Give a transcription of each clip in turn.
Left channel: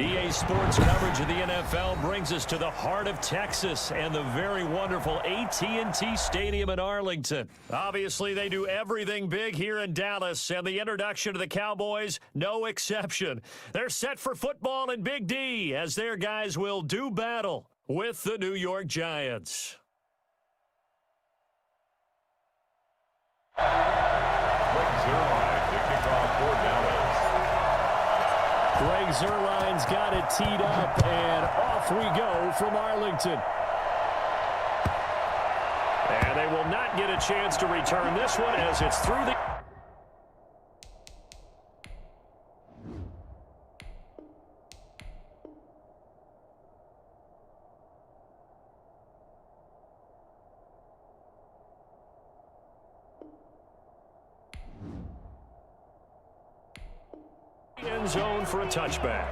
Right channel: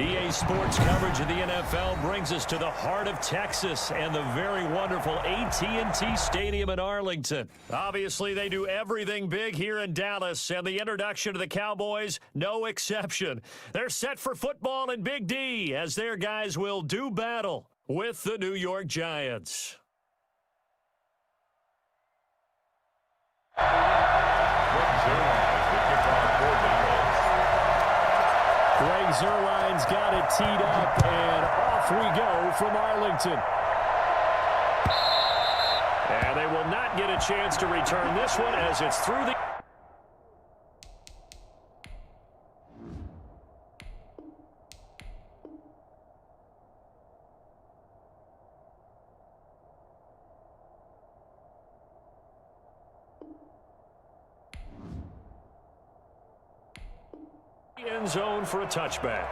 EA Sports coverage of the NFL brings us to the heart of Texas and the very wonderful AT&T Stadium in Arlington. Obviously, they do everything big here in Dallas, and the introduction to the Cowboys, no exception. They're set for football in Big D as their guys will do battle with the New York Giants. Greg Zuerlein to kick off for Dallas. Greg Zuerlein's got it teed up, and off we go from Arlington. And they will not get a chance to return this one as it's through the... end zone for a touchback.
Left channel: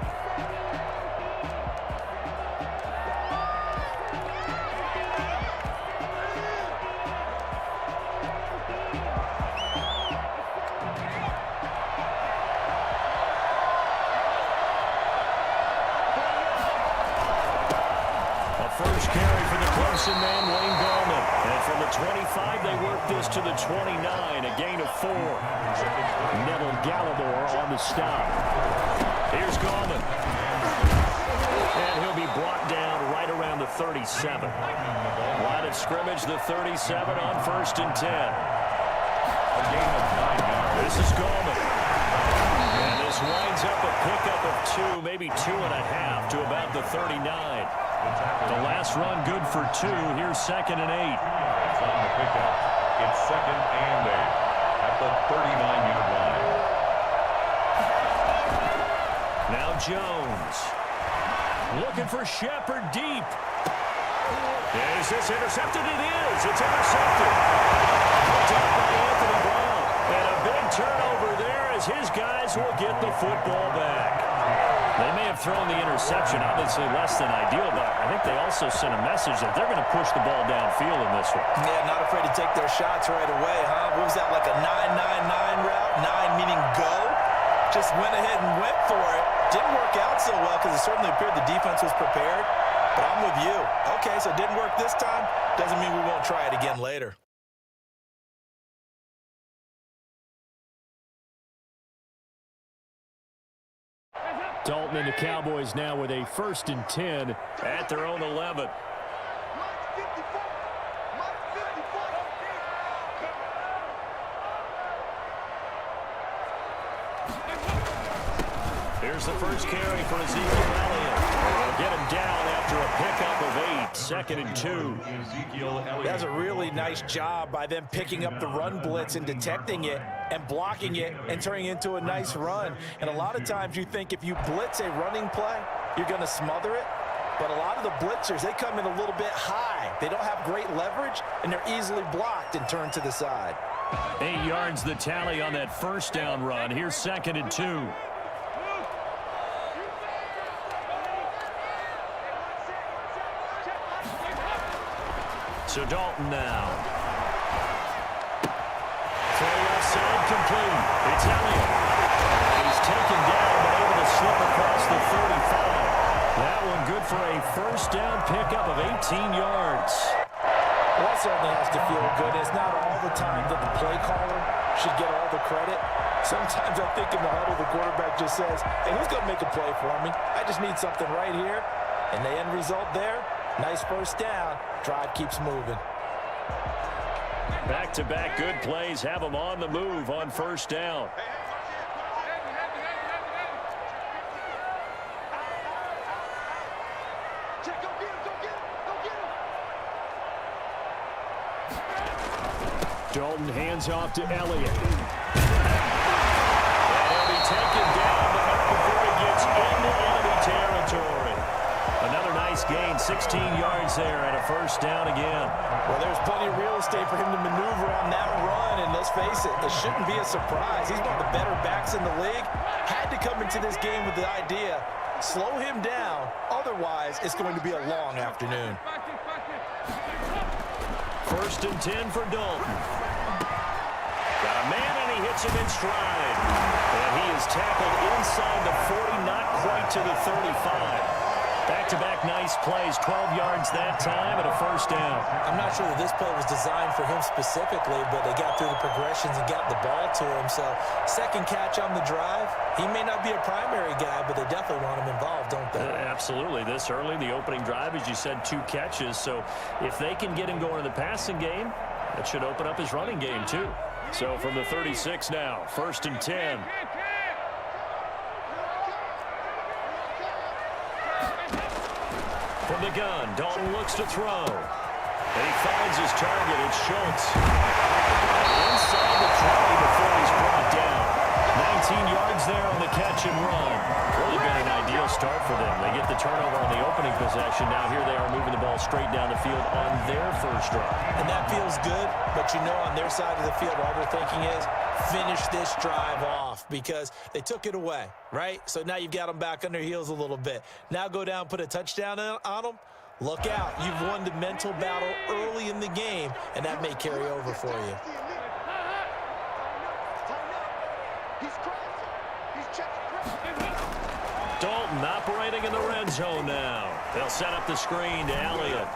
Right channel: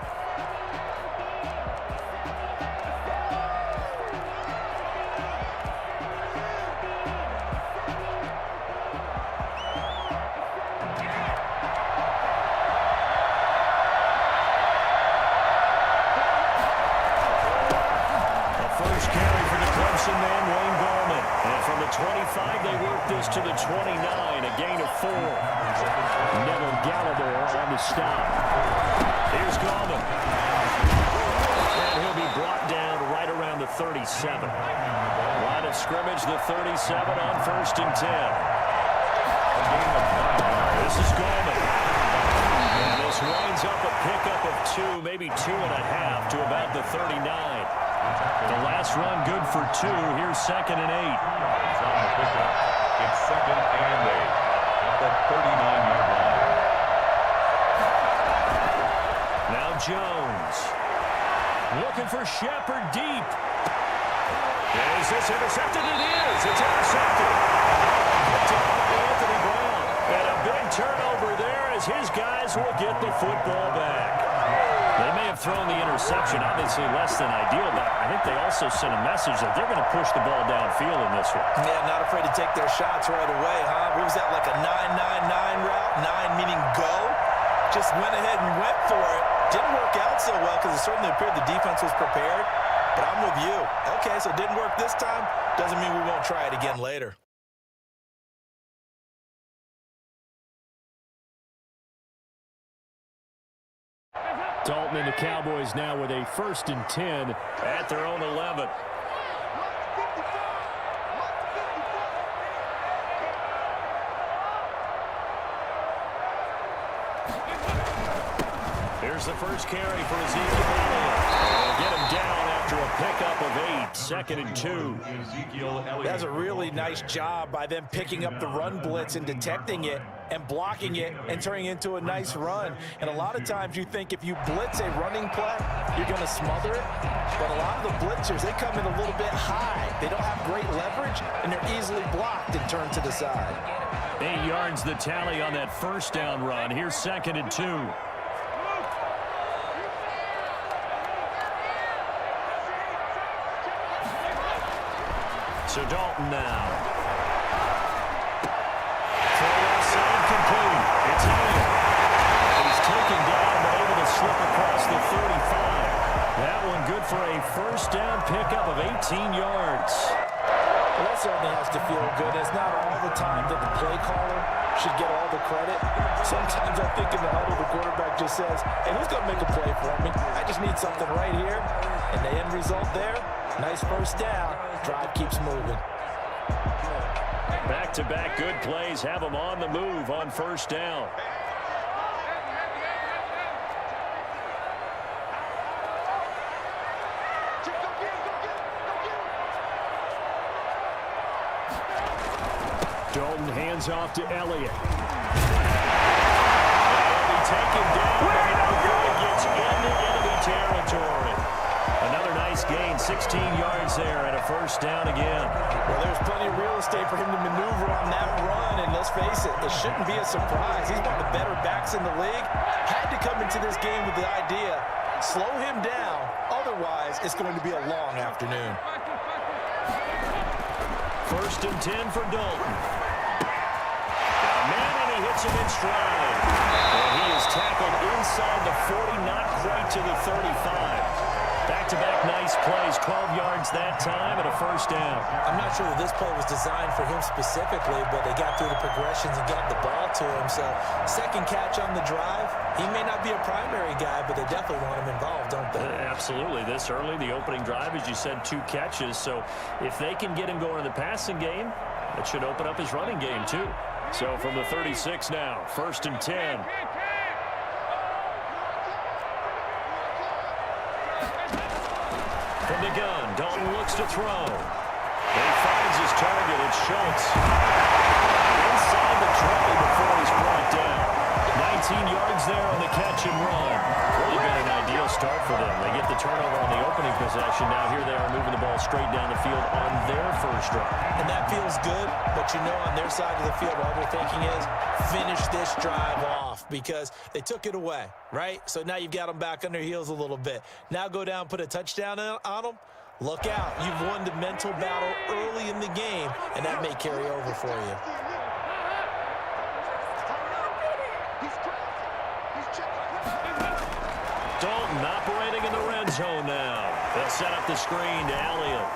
A first carry for the Clemson man, Wayne Gallman. And from the 25, they work this to the 29, a gain of 4. Neville Gallimore on the stop. Here's Gallman. And he'll be brought down right around the 37. Line of scrimmage, the 37 on 1st and 10. A gain of 9 yards. This is Gallman. And this winds up a pickup of 2, maybe 2.5 to about the 39. The last run good for 2. Here's 2nd and 8. Yards on the pickup. It's 2nd and 8 at the 39-yard line. Now Jones. Looking for Shepard deep. Is this intercepted? It is. It's intercepted. Picked up by Anthony Brown. And a big turnover there as his guys will get the football back. They may have thrown the interception, obviously less than ideal, but I think they also sent a message that they're going to push the ball downfield in this one. Yeah, not afraid to take their shots right away, huh? What was that, like a 9-9-9 route? 9 meaning go? Just went ahead and went for it. Didn't work out so well because it certainly appeared the defense was prepared. But I'm with you. Okay, so it didn't work this time. Doesn't mean we won't try it again later. Dalton and the Cowboys now with a 1st and 10 at their own 11. Here's the first carry for Ezekiel Elliott. They'll get him down after a pickup of 8, 2nd and 2. Ezekiel Elliott. That's a really nice job by them picking up the run blitz and detecting it and blocking it and turning it into a nice run. And a lot of times you think if you blitz a running play, you're going to smother it. But a lot of the blitzers, they come in a little bit high. They don't have great leverage, and they're easily blocked and turned to the side. 8 yards the tally on that first down run. Here's 2nd and 2. So Dalton now. Throw left side complete. It's Elliott. And he's taken down but able to slip across the 35. That one good for a first down pickup of 18 yards. Well, that certainly has to feel good. It's not all the time that the play caller should get all the credit. Sometimes I think in the huddle, the quarterback just says, hey, who's going to make a play for me? I just need something right here. And the end result there, nice first down. Drive keeps moving. Back-to-back good plays have them on the move on first down. Dalton hands off to Elliott. And he'll be taken down, but not before he gets into enemy territory. Another nice gain, 16 yards there, and a first down again. Well, there's plenty of real estate for him to maneuver on that run, and let's face it, it shouldn't be a surprise. He's one of the better backs in the league. Had to come into this game with the idea, slow him down, otherwise it's going to be a long afternoon. 1st and 10 for Dalton. Got a man, and he hits gets him in stride. And he is tackled inside the 40, not quite to the 35. Back-to-back nice plays, 12 yards that time and a first down. I'm not sure that this play was designed for him specifically, but they got through the progressions and got the ball to him. So second catch on the drive. He may not be a primary guy, but they definitely want him involved, don't they? Absolutely. This early, the opening drive, as you said, 2 catches. So if they can get him going in the passing game, that should open up his running game too. So from the 36 now, 1st and 10. From the gun, Dalton looks to throw. He finds his target. It's Schultz. Inside the 20 before he's brought down. 19 yards there on the catch and run. Really been an ideal start for them. They get the turnover on the opening possession. Now here they are moving the ball straight down the field on their first drive. And that feels good, but you know on their side of the field, all they're thinking is finish this drive off because they took it away, right? So now you've got them back on their heels a little bit. Now go down, put a touchdown on them. Look out. You've won the mental battle early in the game, and that may carry over for you. Dalton operating in the red zone now. They'll set up the screen to Elliott.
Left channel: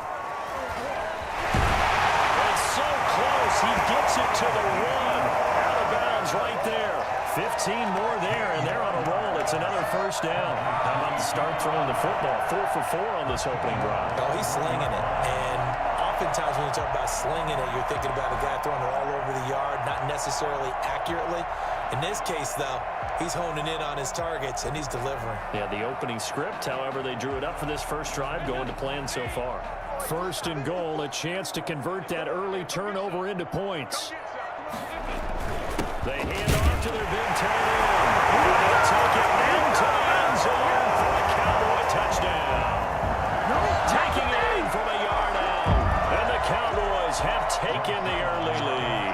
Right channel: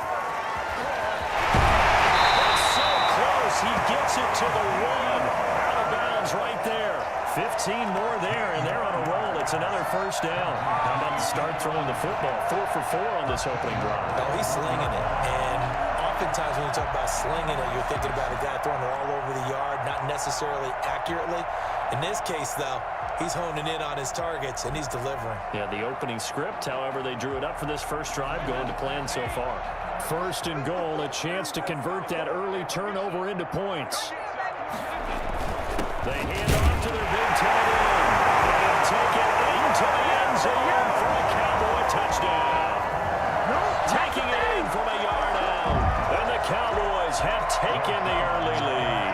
It's so close. He gets it to the 1. Out of bounds right there. 15 more there, and they're on a roll. It's another first down. How about to start throwing the football? 4 for 4 on this opening drive. Oh, he's slinging it. And oftentimes when you talk about slinging it, you're thinking about a guy throwing it all over the yard, not necessarily accurately. In this case, though, he's honing in on his targets, and he's delivering. Yeah, the opening script, however, they drew it up for this first drive, going to plan so far. 1st and goal, a chance to convert that early turnover into points. They hand off to their big tight end. And they'll take it into the end zone for a Cowboy touchdown. Taking it in from a yard out. And the Cowboys have taken the early lead.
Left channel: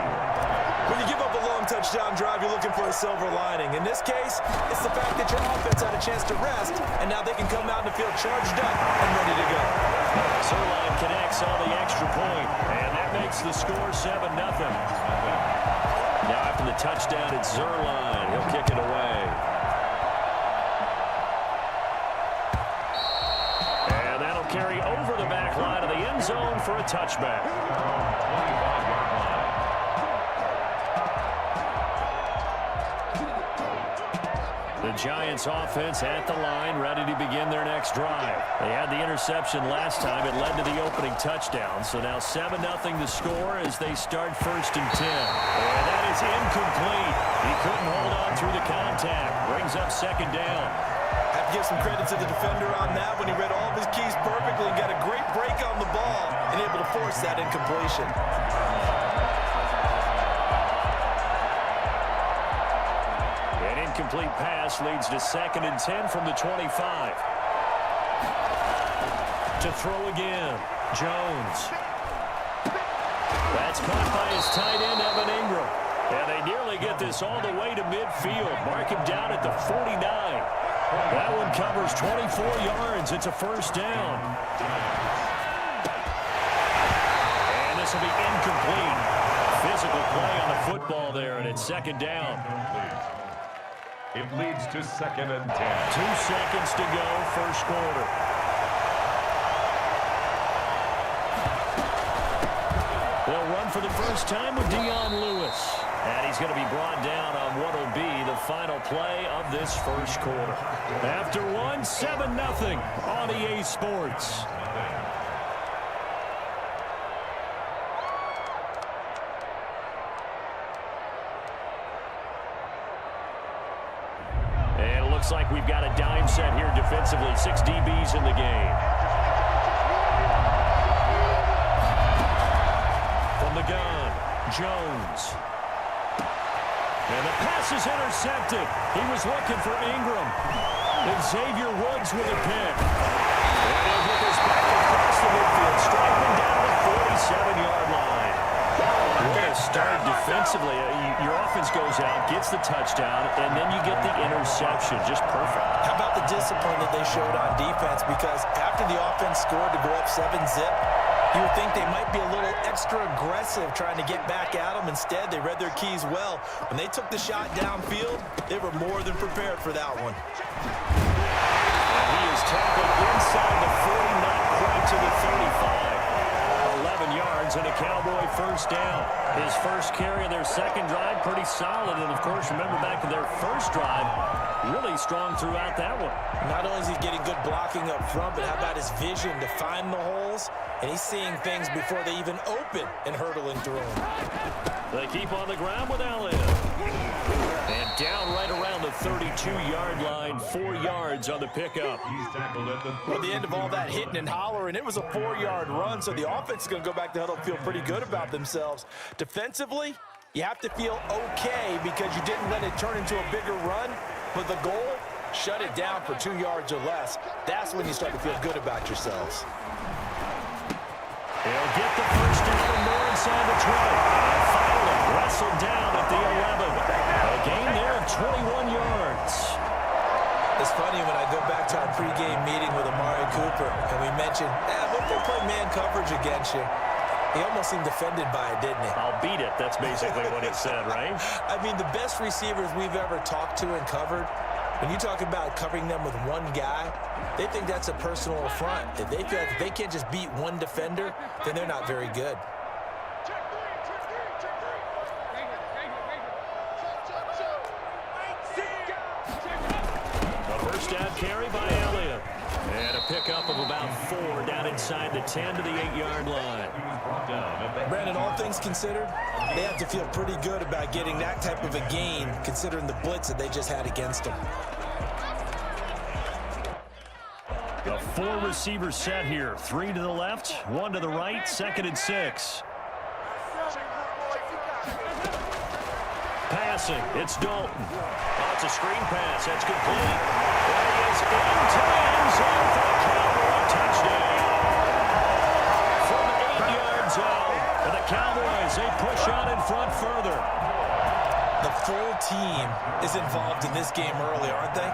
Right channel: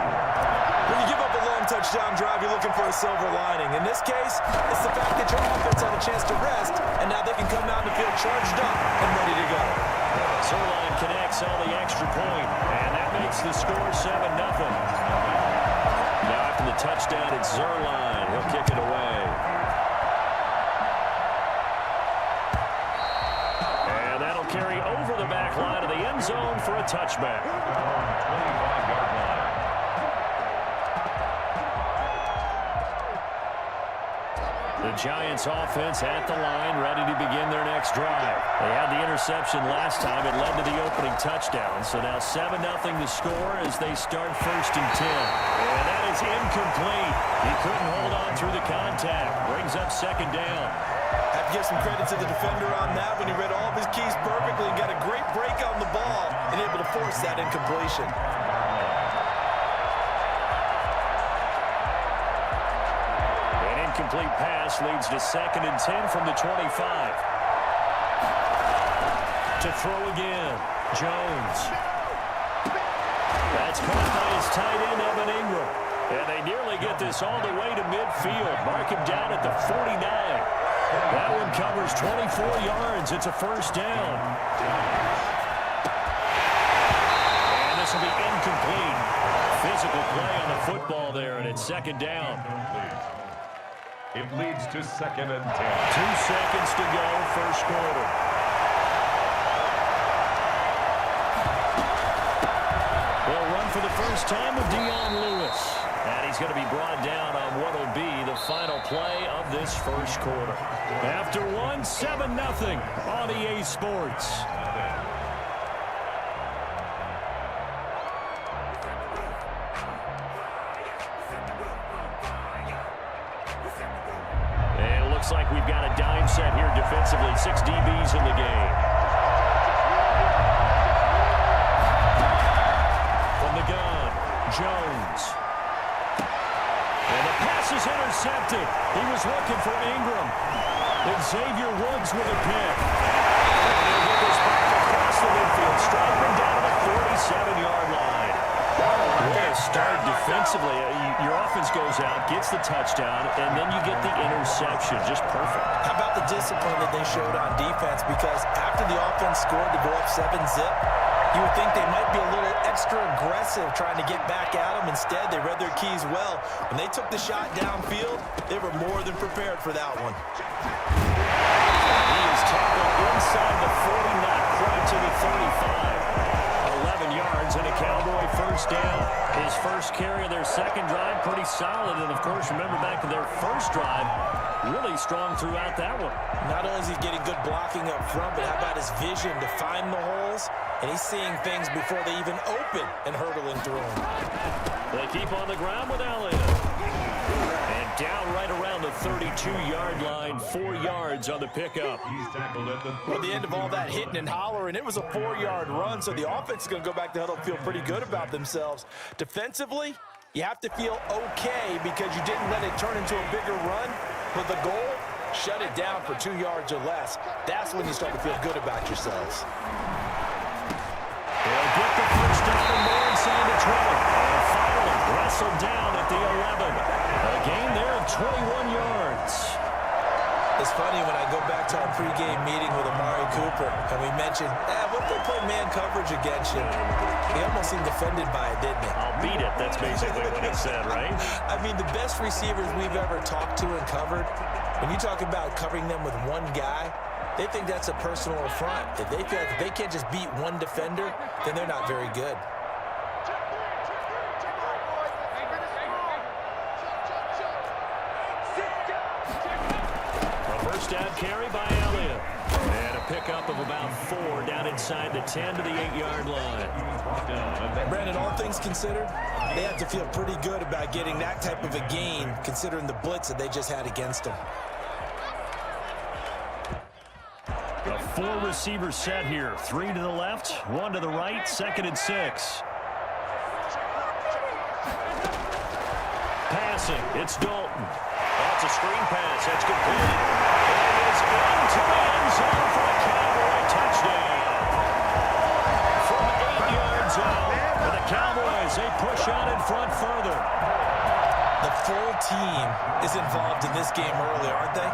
When you give up a long touchdown drive, you're looking for a silver lining. In this case, it's the fact that your offense had a chance to rest, and now they can come out in the field charged up and ready to go. Zerline connects on the extra point, and that makes the score 7-0. Now after the touchdown, it's Zerline. He'll kick it away. And that'll carry over the back line of the end zone for a touchback. 25-yard line. The Giants offense at the line, ready to begin their next drive. They had the interception last time. It led to the opening touchdown. So now 7-0 the score as they start 1st and 10. And that is incomplete. He couldn't hold on through the contact. Brings up 2nd down. Have to give some credit to the defender on that when he read all of his keys perfectly and got a great break on the ball and able to force that incompletion. Incomplete pass leads to 2nd and 10 from the 25. To throw again, Jones. That's caught by his tight end, Evan Ingram. And they nearly get this all the way to midfield. Mark him down at the 49. That one covers 24 yards. It's a first down. And this will be incomplete. Physical play on the football there, and it's 2nd down. It leads to 2nd and 10. 2 seconds to go, first quarter. They'll run for the first time with Dion Lewis. And he's going to be brought down on what will be the final play of this first quarter. After one, 7-0 on EA Sports. Looks like we've got a dime set here defensively. 6 DBs in the game. From the gun, Jones. And the pass is intercepted. He was looking for Ingram. And Xavier Woods with a pick. And he'll get this back across the midfield. Striping down to the 47-yard line. What a start defensively. Your offense goes out, gets the touchdown, and then you get the interception. Just perfect. How about the discipline that they showed on defense? Because after the offense scored to go up 7-0, You would think they might be a little extra aggressive trying to get back at them. Instead, they read their keys well. When they took the shot downfield, they were more than prepared for that one. And he is tackled inside the 40, not quite to the 35. 11 yards and a Cowboy first down. His first carry of their second drive, pretty solid. And, of course, remember back to their first drive, really strong throughout that one. Not only is he getting good blocking up front, but how about his vision to find the holes? And he's seeing things before they even open and hurdling through them. They keep on the ground with Elliott. And down right around the 32-yard line, 4 yards on the pickup. Well, at the end of all that hitting and hollering, it was a 4-yard run, so the offense is going to go back to huddle, feel pretty good about themselves. Defensively, you have to feel okay because you didn't let it turn into a bigger run, but the goal, shut it down for 2 yards or less. That's when you start to feel good about yourselves. He'll get the first down and more inside the 20. And finally wrestled down at the 11. A gain there of 21 yards. It's funny when I go back to our pregame meeting with Amari Cooper, and we mentioned, what if they play man coverage against you? He almost seemed offended by it, didn't he? I'll beat it. That's basically what he said, right? I mean, the best receivers we've ever talked to and covered, when you talk about covering them with one guy, they think that's a personal affront. If they feel like if they can't just beat one defender, then they're not very good. A first down carry by Elliott. And a pickup of about 4 down inside the 10 to the 8-yard line. Brandon, all things considered, they have to feel pretty good about getting that type of a gain considering the blitz that they just had against them. A 4-receiver set here. 3 to the left, 1 to the right, 2nd and 6. Passing, it's Dalton. Oh, it's a screen pass. That's complete. And he is into the end zone for a Cowboy touchdown. From 8 yards out. For the Cowboys, they push out in front further. The full team is involved in this game early, aren't they?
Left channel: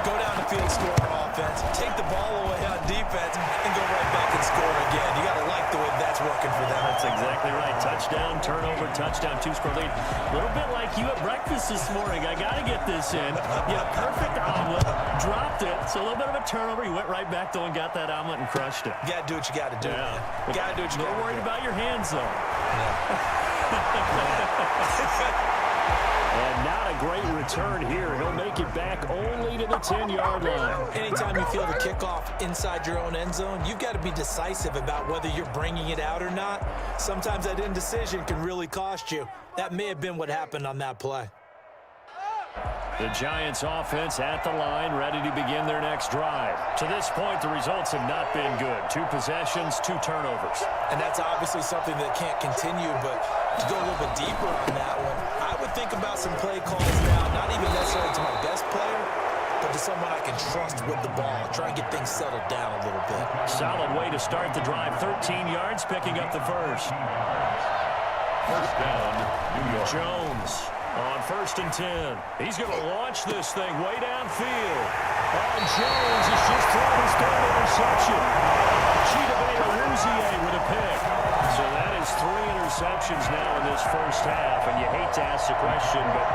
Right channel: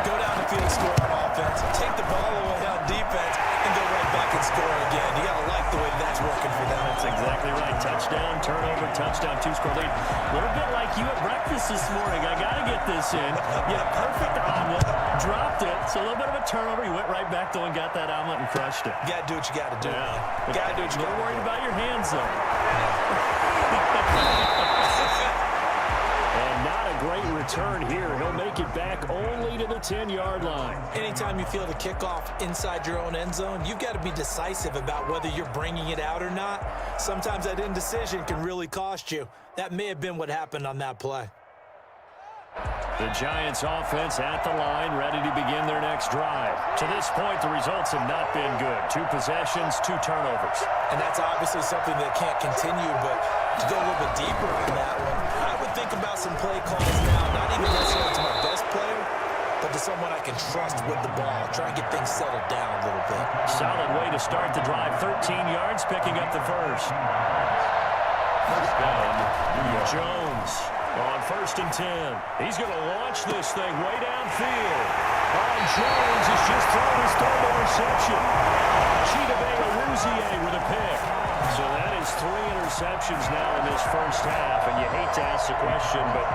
Go down the field, score on offense, take the ball away on defense, and go right back and score again. You got to like the way that's working for them. That's exactly right. Touchdown, turnover, touchdown, 2-score lead. A little bit like you at breakfast this morning. I got to get this in. You had a perfect omelet, dropped it. So a little bit of a turnover. You went right back, though, and got that omelet and crushed it. You got to do what you got to do, man. You got to do what you got to do. Don't worry about your hands, though. And not a great return here. He'll make it back only to the 10-yard line. Anytime you feel the kickoff inside your own end zone, you've got to be decisive about whether you're bringing it out or not. Sometimes that indecision can really cost you. That may have been what happened on that play. The Giants offense at the line, ready to begin their next drive. To this point, the results have not been good. 2 possessions, 2 turnovers. And that's obviously something that can't continue, but to go a little bit deeper on that one, I would think about some play calls now, not even necessarily to my best player, but to someone I can trust with the ball. Try and get things settled down a little bit. Solid way to start the drive. 13 yards, picking up the first. First down, New York. Jones on 1st and 10. He's going to launch this thing way downfield. Jones has just thrown his 3rd interception. Chidobe with a pick. So that is 3 interceptions now in this first half, and you hate to ask the question, but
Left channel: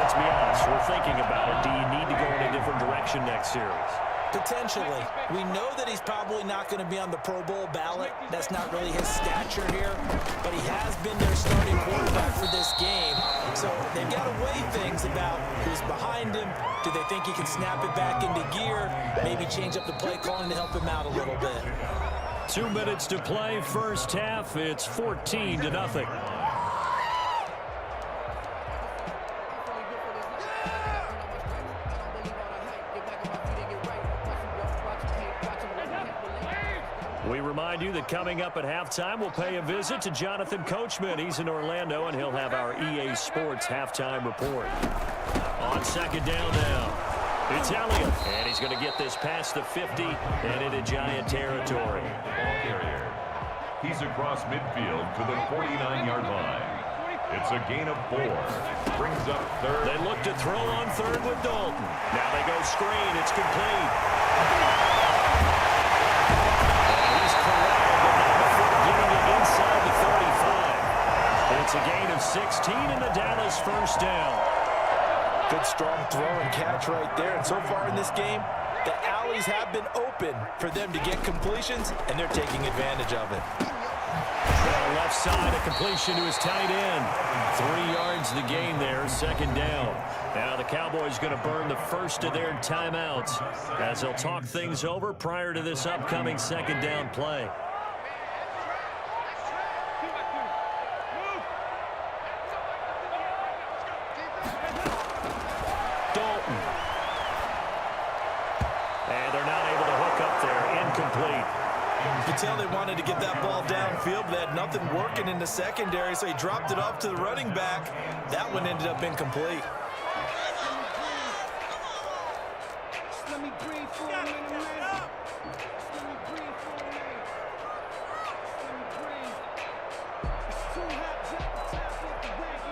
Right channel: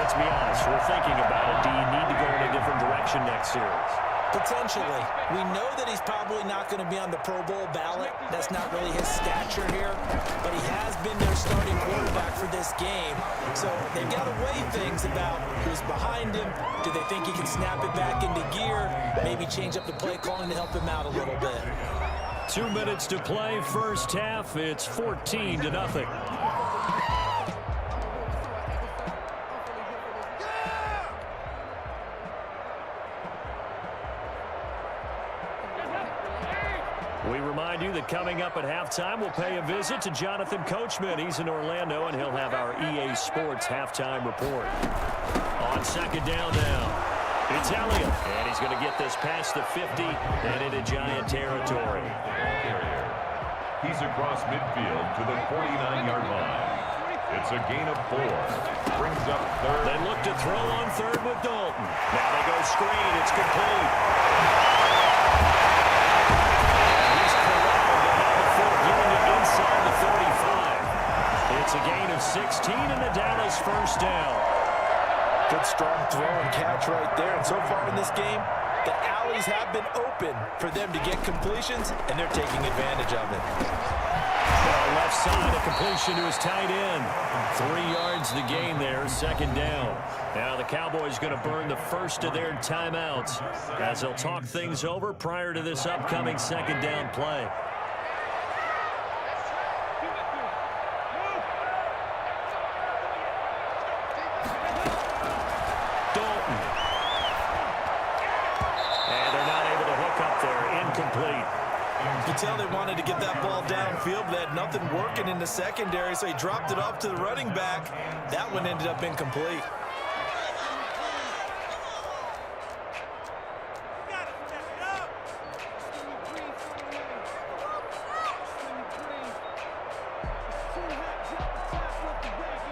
let's be honest, we're thinking about it. Do you need to go in a different direction next series? Potentially. We know that he's probably not going to be on the Pro Bowl ballot. That's not really his stature here, but he has been their starting quarterback for this game. So they've got to weigh things about who's behind him. Do they think he can snap it back into gear? Maybe change up the play calling to help him out a little bit. 2 minutes to play, first half. It's 14-0. We remind you that coming up at halftime, we'll pay a visit to Jonathan Coachman. He's in Orlando, and he'll have our EA Sports halftime report. On 2nd down now, it's Elliott, and he's going to get this past the 50 and into Giant territory. He's across midfield to the 49-yard line. It's a gain of 4. Brings up 3rd. They look to throw on 3rd with Dalton. Now they go screen. It's complete. And he's corralled at number It's a gain of 16 and the Dallas first down. Good strong throw and catch right there. And so far in this game, the alleys have been open for them to get completions, and they're taking advantage of it. Well, left side, a completion to his tight end. 3 yards the gain there, second down. Now the Cowboys going to burn the first of their timeouts as they'll talk things over prior to this upcoming second down play. Dalton. And they're not able to hook up there. Incomplete. You could tell they wanted to get that ball downfield, but they had nothing working in the secondary, so he dropped it off to the running back. That one ended up incomplete.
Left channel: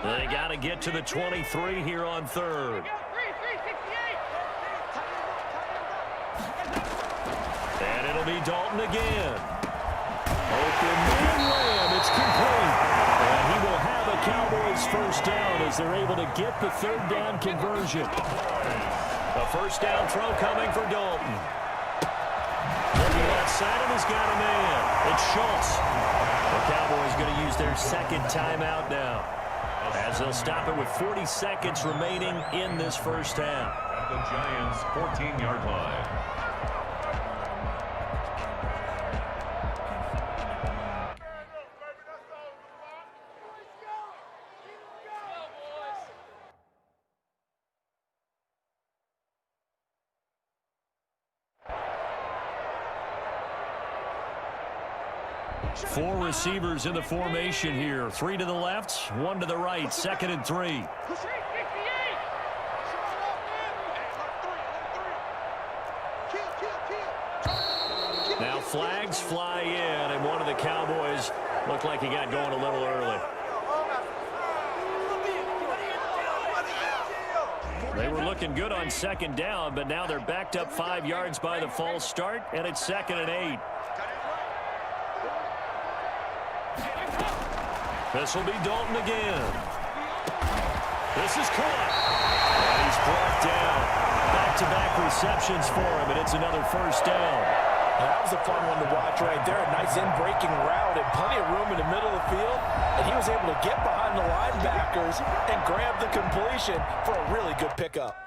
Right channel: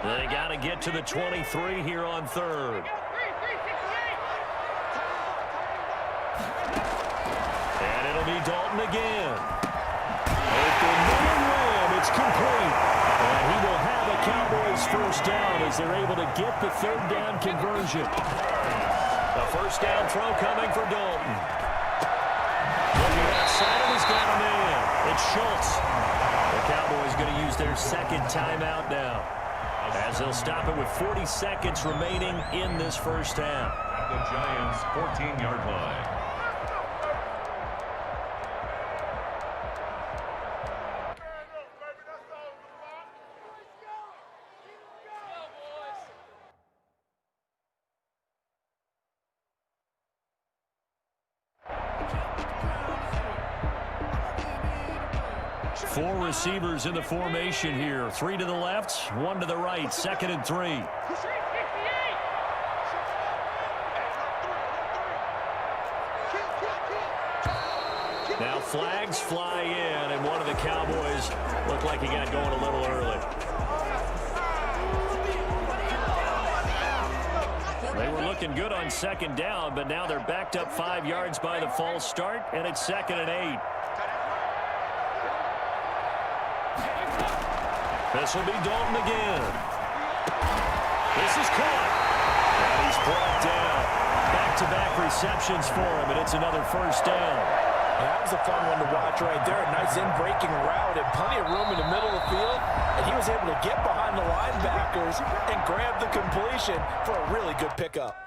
They got to get to the 23 here on third. And it'll be Dalton again. Open man Lamb. It's complete. And he will have a Cowboys first down as they're able to get the third down conversion. A first down throw coming for Dalton. Looking outside, and he's got a man. It's Schultz. The Cowboys going to use their second timeout now, as they'll stop it with 40 seconds remaining in this first half. At the Giants' 14-yard line. Four receivers in the formation here. 3 to the left, 1 to the right. Second and 3. Now flags fly in, and one of the Cowboys looked like he got going a little early. They were looking good on second down, but now they're backed up 5 yards by the false start, and it's 2nd and 8. This will be Dalton again. This is caught. And he's brought down. Back-to-back receptions for him, and it's another first down. That was a fun one to watch right there. A nice in-breaking route and plenty of room in the middle of the field. And he was able to get behind the linebackers and grab the completion for a really good pickup.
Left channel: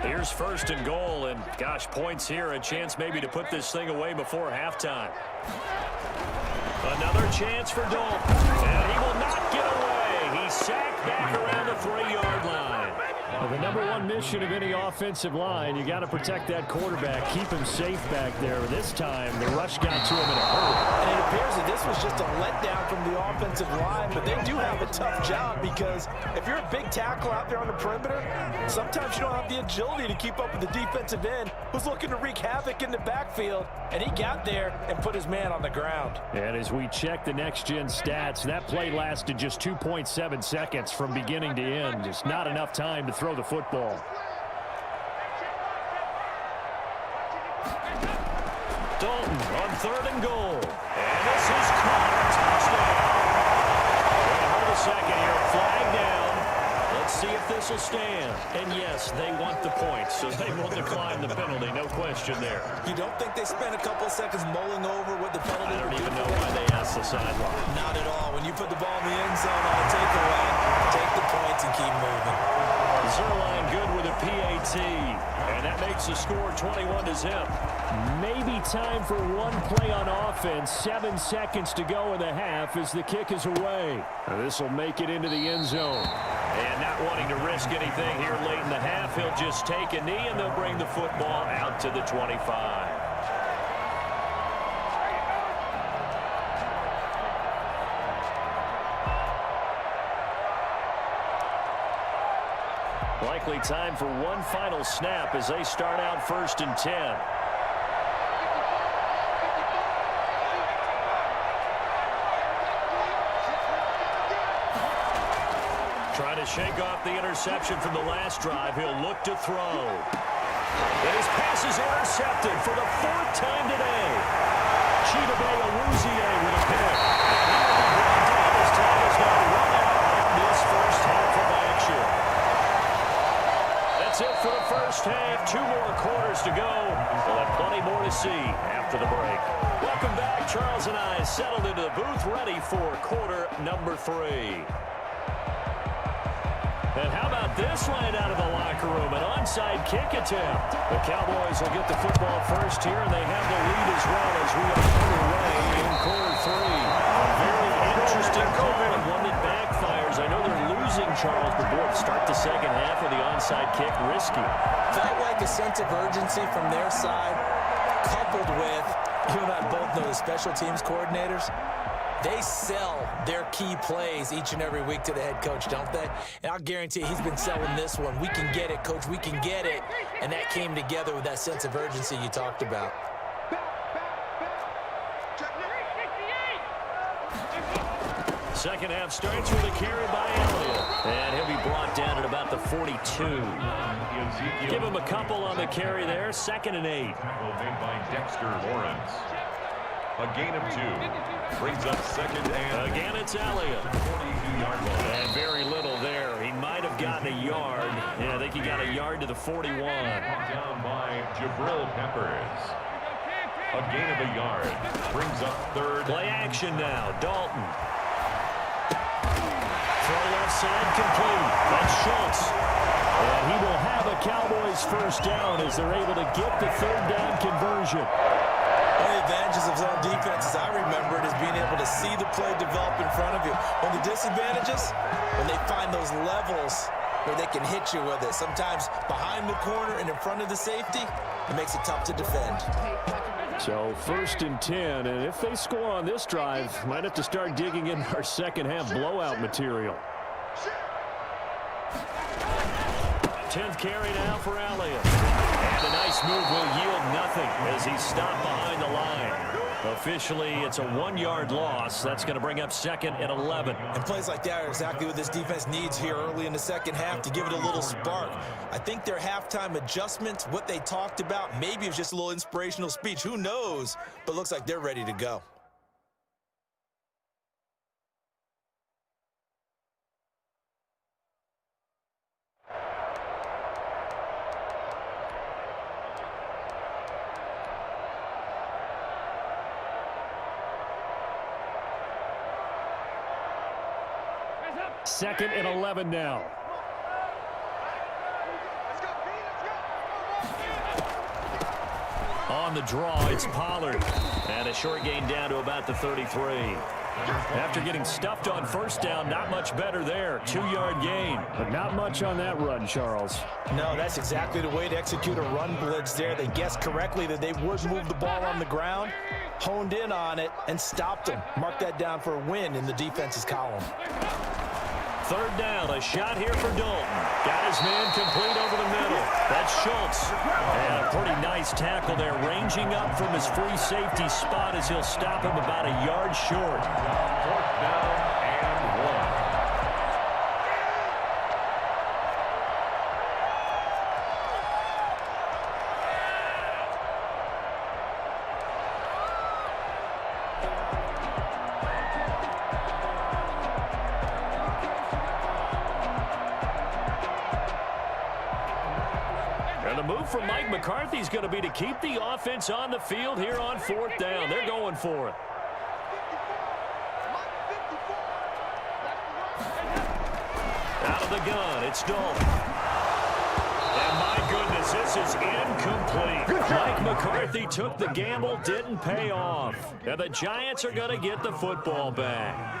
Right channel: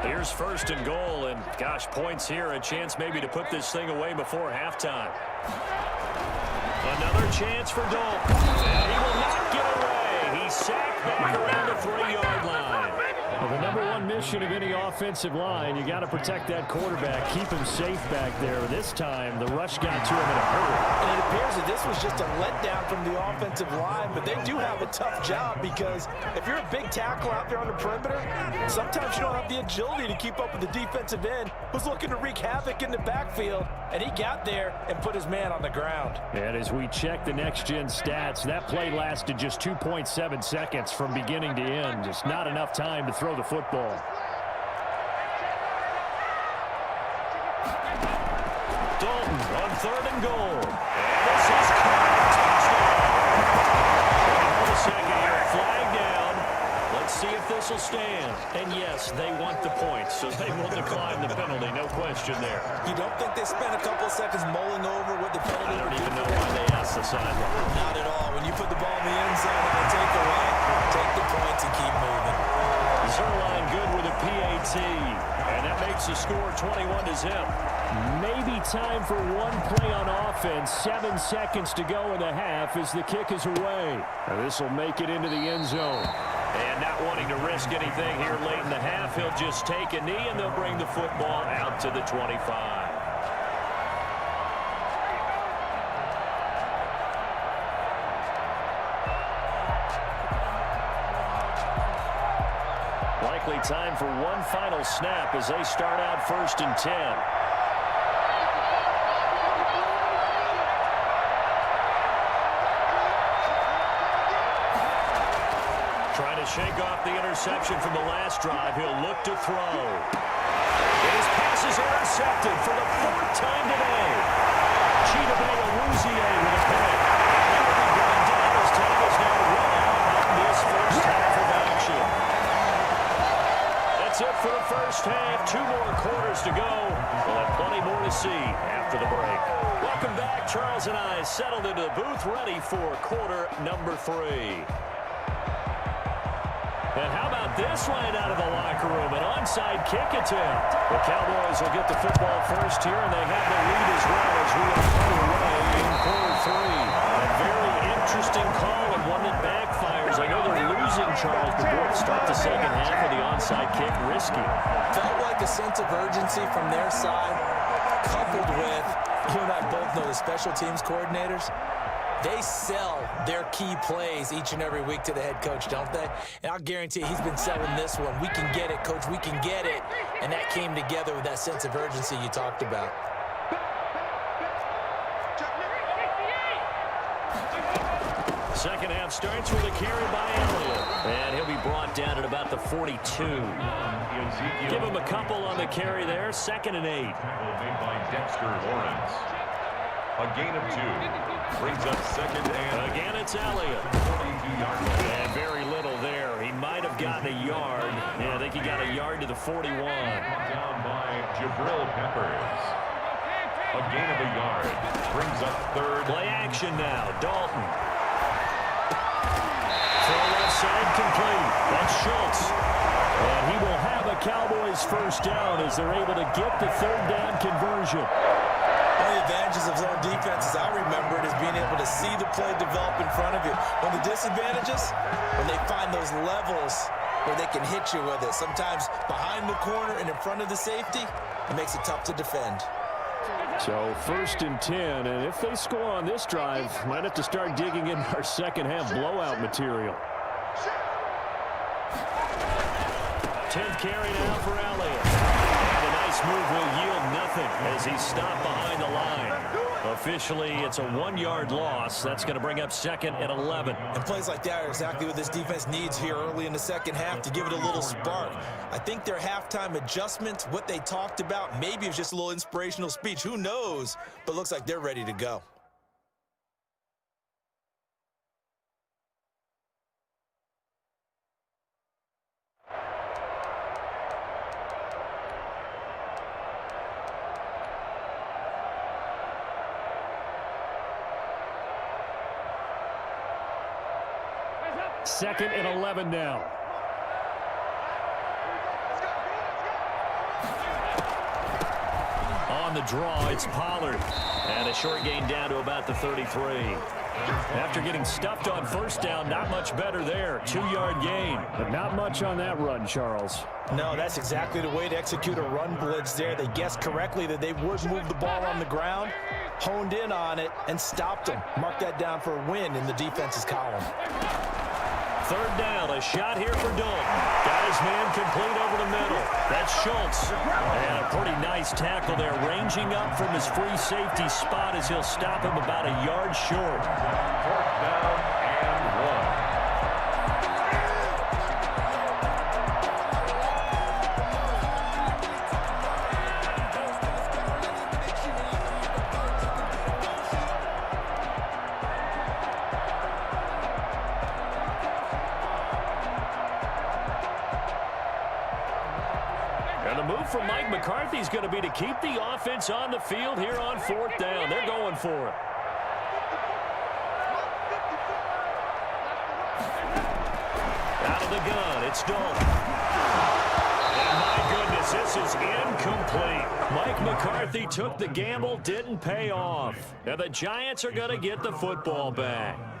Here's 1st and goal, and gosh, points here, a chance maybe to put this thing away before halftime. Another chance for Dalton, and he will not get away. He's sacked back around the 3-yard line. Well, the number one mission of any offensive line, you got to protect that quarterback, keep him safe back there. This time, the rush got to him in a hurry. And it appears that this was just a letdown from the offensive line, but they do have a tough job because if you're a big tackle out there on the perimeter, sometimes you don't have the agility to keep up with the defensive end who's looking to wreak havoc in the backfield, and he got there and put his man on the ground. And as we check the next-gen stats, that play lasted just 2.7 seconds from beginning to end. Just not enough time to throw the football. Dalton on 3rd and goal. And this is caught. Touchdown. Wait, hold a second here. Flag down. Let's see if this will stand. And yes, they want the points, so they will decline the penalty. No question there. You don't think they spent a couple seconds mulling over what the penalty? I don't even know why they asked the sideline. Not at all. When you put the ball in the end zone on a takeaway, take the points and keep moving. Zerline good with a PAT, and that makes the score 21-0. Maybe time for one play on offense. 7 seconds to go in the half as the kick is away. This will make it into the end zone. And not wanting to risk anything here late in the half, he'll just take a knee, and they'll bring the football out to the 25. Likely time for one final snap as they start out 1st and 10. Trying to shake off the interception from the last drive. He'll look to throw. And his pass is intercepted for the 4th time today. Chidobe Awuzie with a pick. He will be brought down as time is now run out on this first half of action. That's it for the first half. 2 more quarters to go. We'll have plenty more to see after the break. Welcome back. Charles and I settled into the booth ready for quarter number 3. And how about this right out of the locker room? An onside kick attempt. The Cowboys will get the football first here, and they have the lead as well as we are underway in quarter 3. A very interesting call and one that backfires. I know they're losing, Charles, but boy, to start the second half with the onside kick, risky. Felt like a sense of urgency from their side, coupled with, you and I both know the special teams coordinators. They sell their key plays each and every week to the head coach, don't they? And I'll guarantee you he's been selling this one. We can get it, coach. We can get it. And that came together with that sense of urgency you talked about. Second half starts with a carry by Elliott. And he'll be brought down at about the 42. Give him a couple on the carry there. 2nd and 8. Tackle made by Dexter Lawrence. A gain of 2. Brings up 2nd and... Again, it's Elliott. 42-yard line. And very little there. He might have gotten a yard. Yeah, I think he got a yard to the 41. Brought down by Jabril Peppers. A gain of a yard. Brings up 3rd. Play action now. Dalton. Throw left side complete. That's Schultz. And he will have a Cowboys first down as they're able to get the 3rd down conversion. One of the advantages of zone defense, as I remember it, is being able to see the play develop in front of you. One of the disadvantages, when they find those levels where they can hit you with it. Sometimes behind the corner and in front of the safety, it makes it tough to defend. So 1st and 10, and if they score on this drive, might have to start digging in our second half blowout material. 10th carry now for Elliott. And a nice move will yield nothing as he's stopped behind the line. Officially, it's a 1-yard loss. That's going to bring up 2nd and 11. And plays like that are exactly what this defense needs here early in the second half to give it a little spark. I think their halftime adjustments, what they talked about, maybe it was just a little inspirational speech. Who knows? But looks like they're ready to go. Second and 11 now. On the draw, it's Pollard. And a short gain down to about the 33. After getting stuffed on first down, not much better there. 2-yard gain. But not much on that run, Charles. No, that's exactly the way to execute a run blitz there. They guessed correctly that they would move the ball on the ground, honed in on it, and stopped them. Mark that down for a win in the defense's column. 3rd down, a shot here for Dalton. Got his man complete over the middle. That's Schultz. And a pretty nice tackle there, ranging up from his free safety spot as he'll stop him about a yard short. 4th down and 1. And the move from Mike McCarthy is going to be to keep the offense on the field here on 4th down. They're going for it. Out of the gun, it's Dalton. And my goodness, this is incomplete. Mike McCarthy took the gamble, didn't pay off. And the Giants are going to get the football back.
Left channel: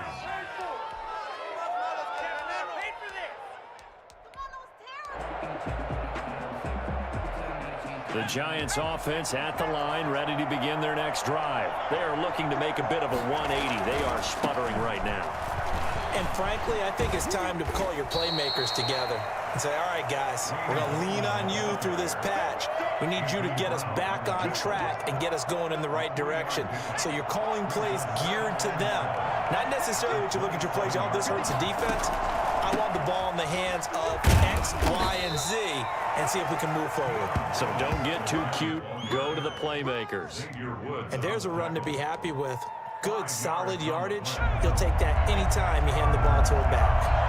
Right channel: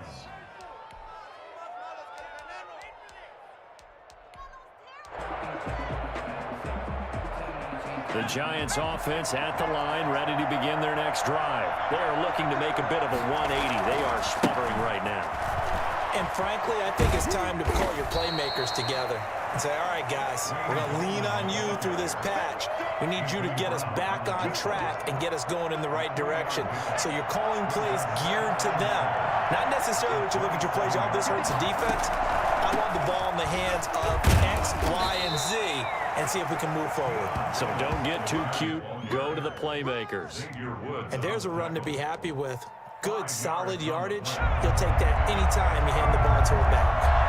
The Giants offense at the line, ready to begin their next drive. They are looking to make a bit of a 180. They are sputtering right now. And frankly, I think it's time to call your playmakers together. and say, all right, guys, we're going to lean on you through this patch. We need you to get us back on track and get us going in the right direction. So you're calling plays geared to them. Not necessarily what you look at your plays, oh, this hurts the defense. I want the ball in the hands of X, Y, and Z and see if we can move forward. So don't get too cute. Go to the playmakers. And there's a run to be happy with. Good, solid yardage. He'll take that anytime you hand the ball to a back.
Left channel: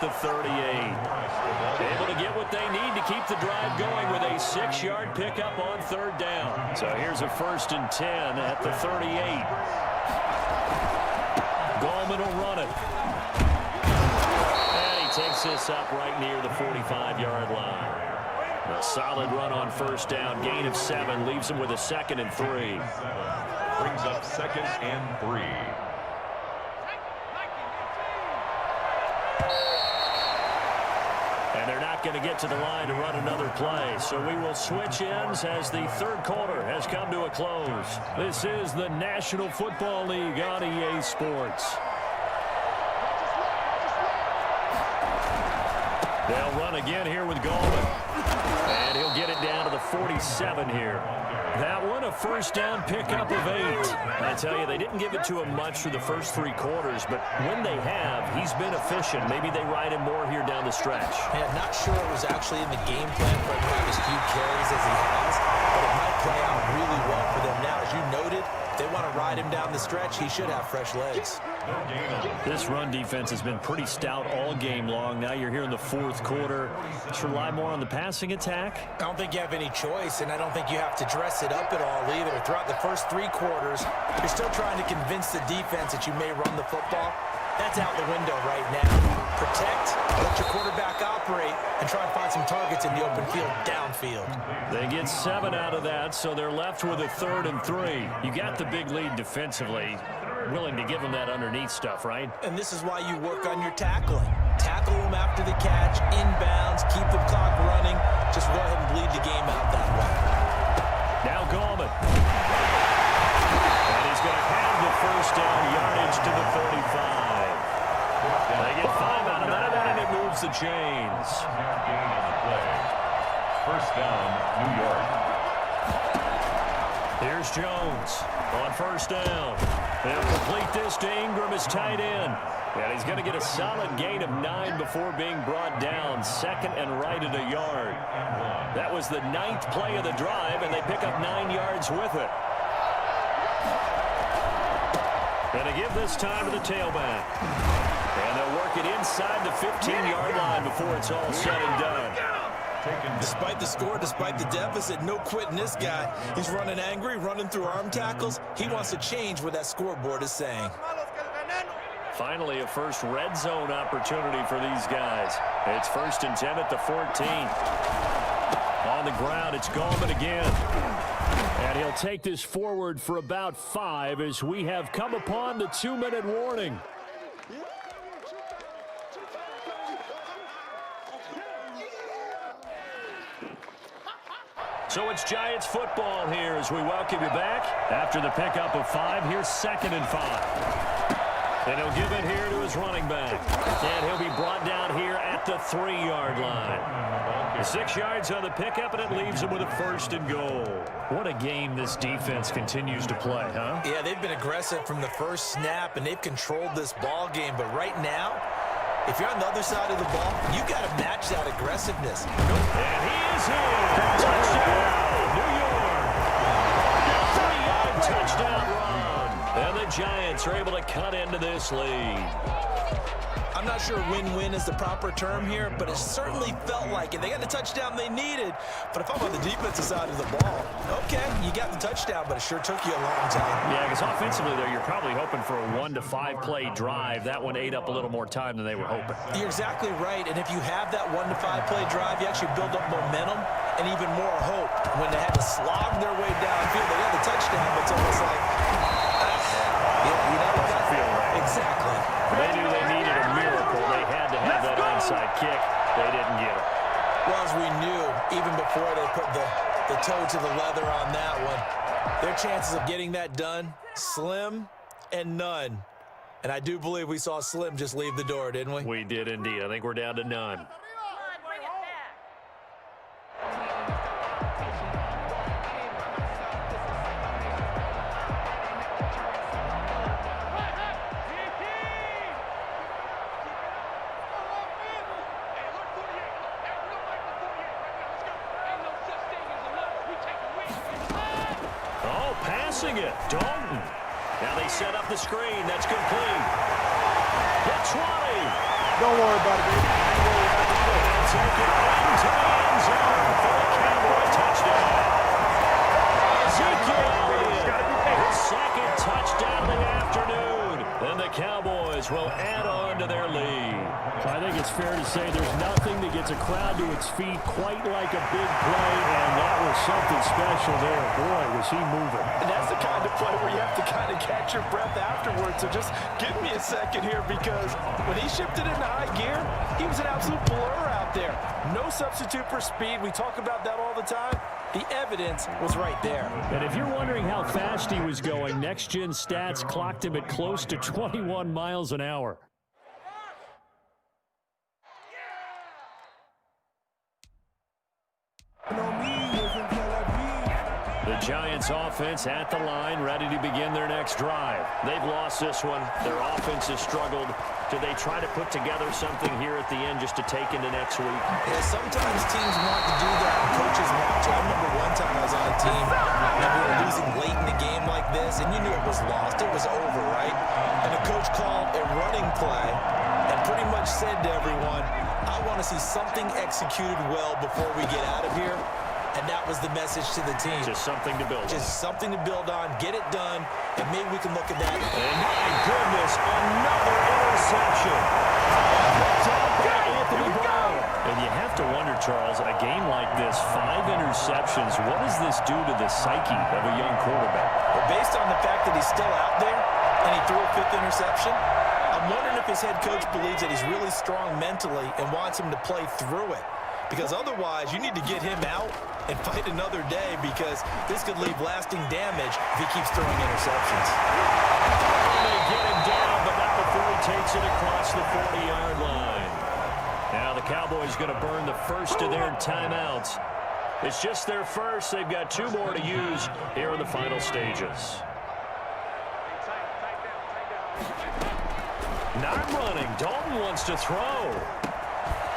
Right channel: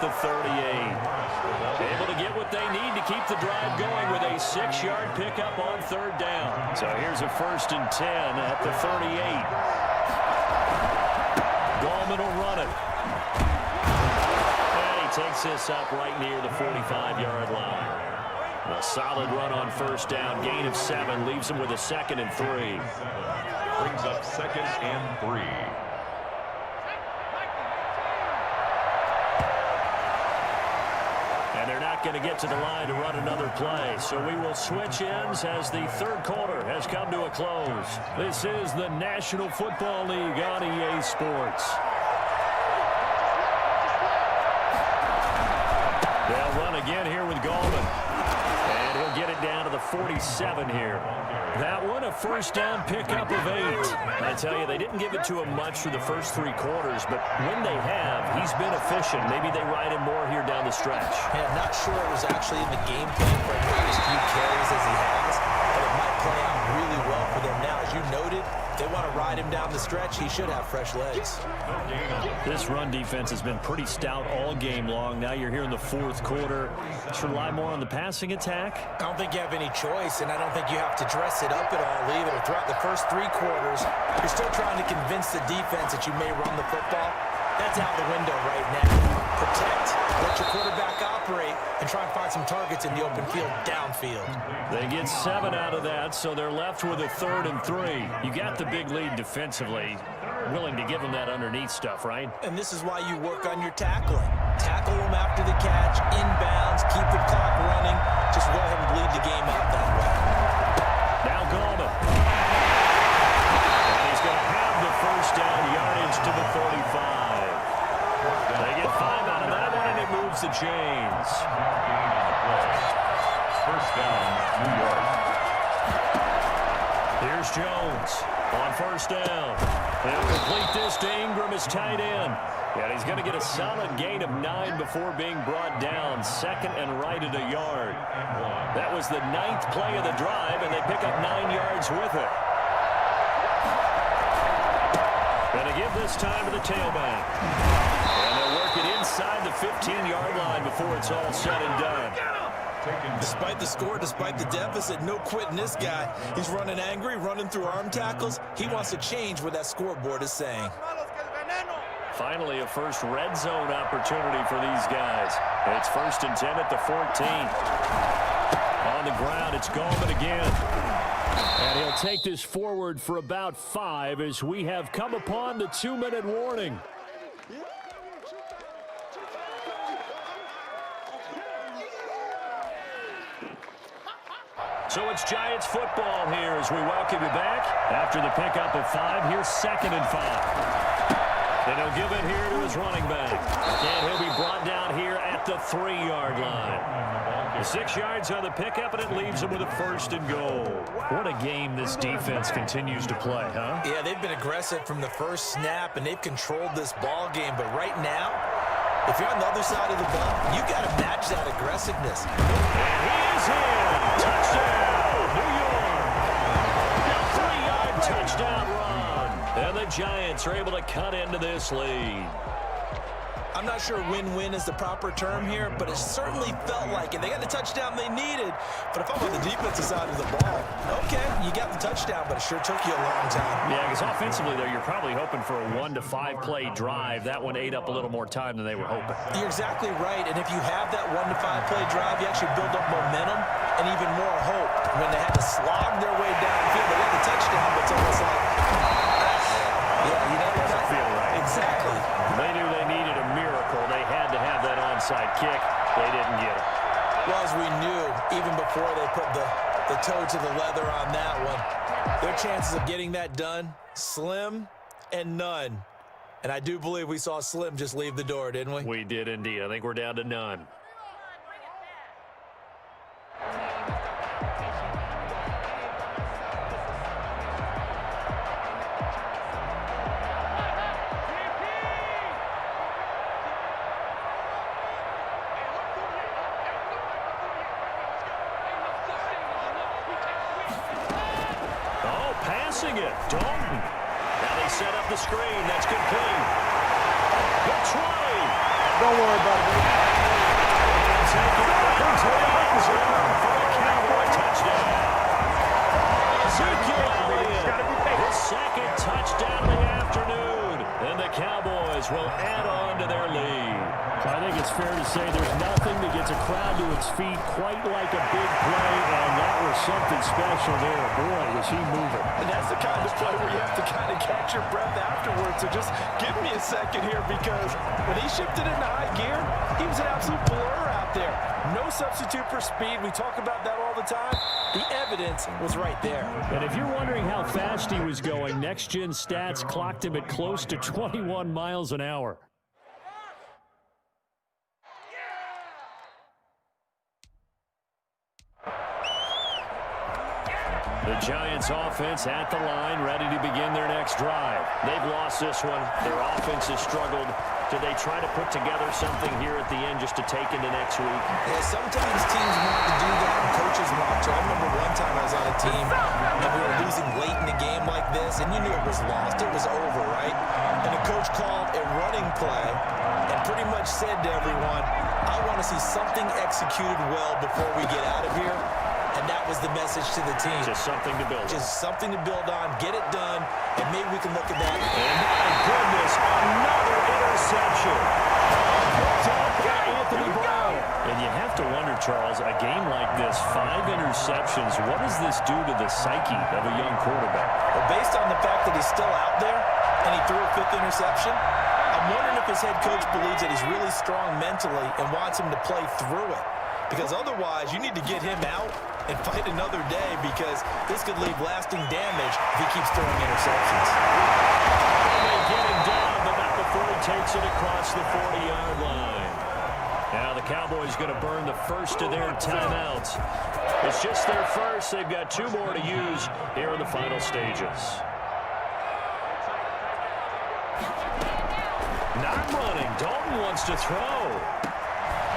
The 38. Able to get what they need to keep the drive going with a 6-yard pickup on 3rd down. So here's a 1st and 10 at the 38. Gallman will run it. And he takes this up right near the 45-yard line. A solid run on 1st down. Gain of 7 leaves him with a 2nd and 3. Brings up 2nd and 3. And they're not going to get to the line to run another play. So we will switch ends as the 3rd quarter has come to a close. This is the National Football League on EA Sports. They'll run again here with Gallman. And he'll get it down to the 47 here. That one, a 1st down pickup of 8. I tell you, they didn't give it to him much through the first 3 quarters, but when they have, he's been efficient. Maybe they ride him more here down the stretch. Man, not sure it was actually in the game plan for him to get as few carries as he has, but it might play out really well for them now. As you noted, if they want to ride him down the stretch, he should have fresh legs. This run defense has been pretty stout all game long. Now you're here in the 4th quarter. Should rely more on the passing attack? I don't think you have any choice, and I don't think you have to dress it up at all either. Throughout the first 3 quarters, you're still trying to convince the defense that you may run the football. That's out the window right now. Protect, let your quarterback operate, and try and find some targets in the open field downfield. They get 7 out of that, so they're left with a 3rd and 3. You got the big lead defensively. Willing to give them that underneath stuff, right? And this is why you work on your tackling. Tackle them after the catch, inbounds, keep the clock running. Just go ahead and bleed the game out that way. Now Gallman. And he's going to have the 1st down yardage to the 35. They get 5 out of that, and it moves the chains. Gain on the play. 1st down, New York. Here's Jones on 1st down. He'll complete this to Ingram, his tight end. And he's going to get a solid gain of 9 before being brought down. 2nd and right at a yard. That was the 9th play of the drive, and they pick up 9 yards with it. And they give this time to the tailback. And they'll work it inside the 15-yard line before it's all said and done. Despite the score, despite the deficit, no quitting this guy. He's running angry, running through arm tackles. He wants to change what that scoreboard is saying. Finally, a first red zone opportunity for these guys. It's 1st and 10 at the 14. On the ground, it's Gallman again. And he'll take this forward for about 5 as we have come upon the 2-minute warning. So it's Giants football here as we welcome you back. After the pickup of 5, here's 2nd and 5. And he'll give it here to his running back. And he'll be brought down here at the 3-yard line. 6 yards on the pickup, and it leaves him with a 1st and goal. What a game this defense continues to play, huh? Yeah, they've been aggressive from the first snap, and they've controlled this ball game. But right now, if you're on the other side of the ball, you got to match that aggressiveness. And he is in. Touchdown, New York. A 3-yard touchdown run. And the Giants are able to cut into this lead. I'm not sure win-win is the proper term here, but it certainly felt like it. They got the touchdown they needed, but if I'm on the defensive side of the ball, okay, you got the touchdown, but it sure took you a long time. Yeah, because offensively, though, you're probably hoping for a 1 to 5 play drive. That one ate up a little more time than they were hoping. You're exactly right, and if you have that 1 to 5 play drive, you actually build up momentum and even more hope. When they had to slog their way downfield, they got the touchdown, but it's almost like, yeah, you know, doesn't feel right. Exactly. They knew they needed a miracle. They had to have that onside kick. They didn't get it. Well, as we knew, even before they put the toe to the leather on that one, their chances of getting that done, slim and none. And I do believe we saw Slim just leave the door, didn't we? We did indeed. I think we're down to none. Oh, passing it. Dalton. Now they set up the screen. That's complete. The 20. Don't worry about it, baby. And take it into the end zone for a Cowboy touchdown. Ezekiel Elliott, his second touchdown of the afternoon. And the Cowboys will add on to their lead. I think it's fair to say there's nothing that gets a crowd to its feet quite like a big play, and that was something special there. Boy, was he moving. And that's the kind of play where you have to kind of catch your breath afterwards. So just give me a second here, because when he shifted into high gear, he was an absolute blur out there. No substitute for speed. We talk about that all the time. The evidence was right there. And if you're wondering how fast he was going, next-gen stats clocked him at close to 21 miles an hour. The Giants offense at the line, ready to begin their next drive. They've lost this one. Their offense has struggled. Do they try to put together something here at the end just to take into next week? Yeah, sometimes teams want to do that and coaches want to. I remember one time I was on a team and we were losing late in the game like this, and you knew it was lost. It was over, right? And the coach called a running play and pretty much said to everyone, I want to see something executed well before we get out of here. And that was the message to the team. Just something to build on. Just something to build on, get it done, and maybe we can look at that. And my goodness, another interception. Picked up by Anthony Brown. And you have to wonder, Charles, a game like this, 5 interceptions, what does this do to the psyche of a young quarterback? Well, based on the fact that he's still out there and he threw a 5th interception, I'm wondering if his head coach believes that he's really strong mentally and wants him to play through it. Because otherwise, you need to get him out and fight another day, because this could leave lasting damage if he keeps throwing interceptions. And they get him down, but not before he takes it across the 40-yard line. Now the Cowboys going to burn the first of their timeouts. It's just their first. They've got 2 more to use here in the final stages. Not running. Dalton wants to throw.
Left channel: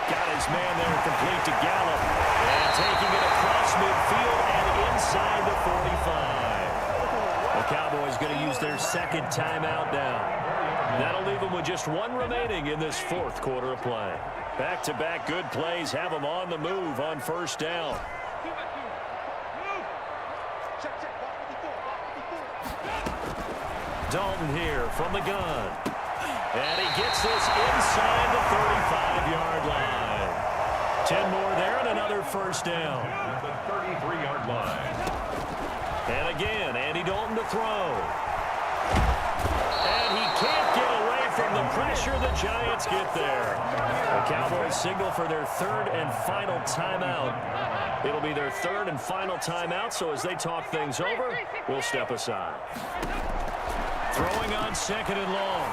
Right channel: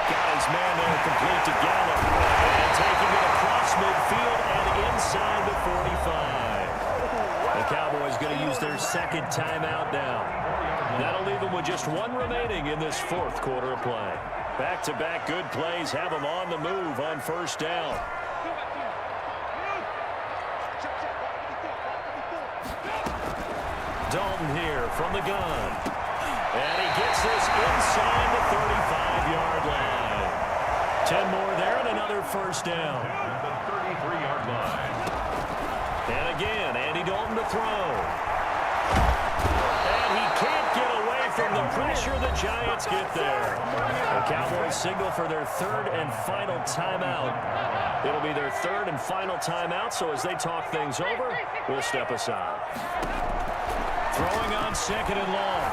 Got his man there, complete to Gallup. And taking it across midfield and inside the 45. The Cowboys going to use their second timeout now. That'll leave them with just 1 remaining in this 4th quarter of play. Back-to-back good plays have them on the move on first down. Dalton here from the gun. And he gets this inside the 35-yard line. 10 more there and another first down. The 33-yard line. And again, Andy Dalton to throw. And he can't get away from the pressure the Giants get there. The Cowboys signal for their 3rd and final timeout. It'll be their 3rd and final timeout, so as they talk things over, we'll step aside. Throwing on 2nd and long.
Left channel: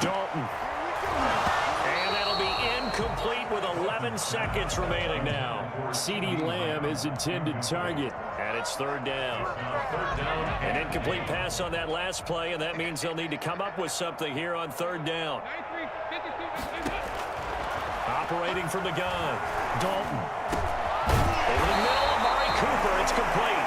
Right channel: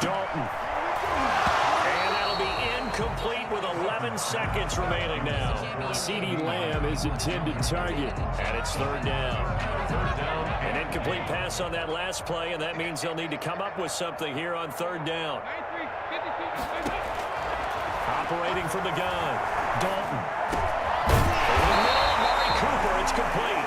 Dalton. And that'll be incomplete with 11 seconds remaining now. CeeDee Lamb is intended target. And it's 3rd down. 3rd down. An incomplete pass on that last play, and that means they'll need to come up with something here on 3rd down. Operating from the gun. Dalton. Over the middle, Amari Cooper. It's complete.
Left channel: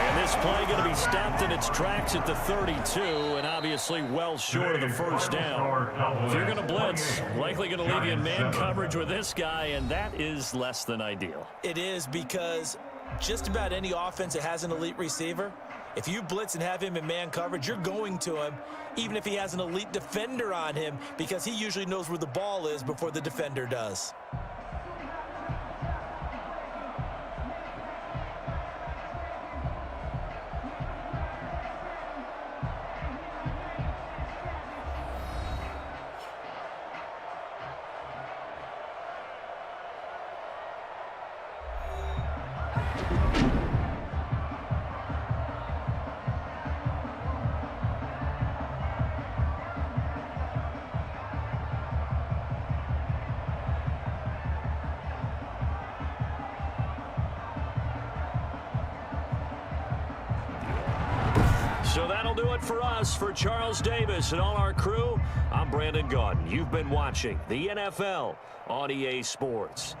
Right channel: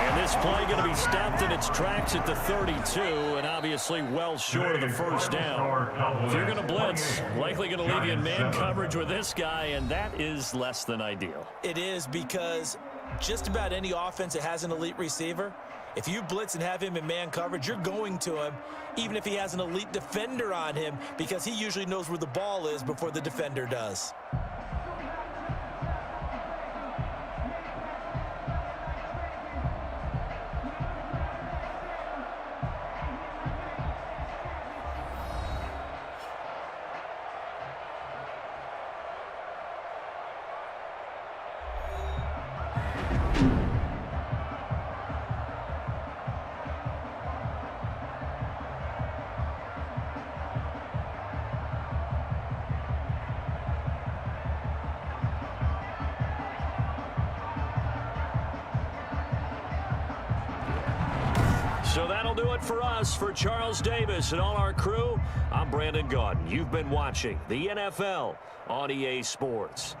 And this play going to be stopped in its tracks at the 32, and obviously well short of the first down. If you're going to blitz, likely going to leave you in man coverage with this guy, and that is less than ideal. It is, because just about any offense that has an elite receiver, if you blitz and have him in man coverage, you're going to him, even if he has an elite defender on him, because he usually knows where the ball is before the defender does. So that'll do it for us. For Charles Davis and all our crew, I'm Brandon Gaudin. You've been watching the NFL on EA Sports.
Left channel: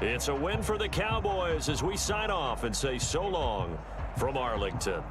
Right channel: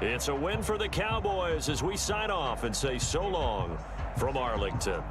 It's a win for the Cowboys as we sign off and say so long from Arlington.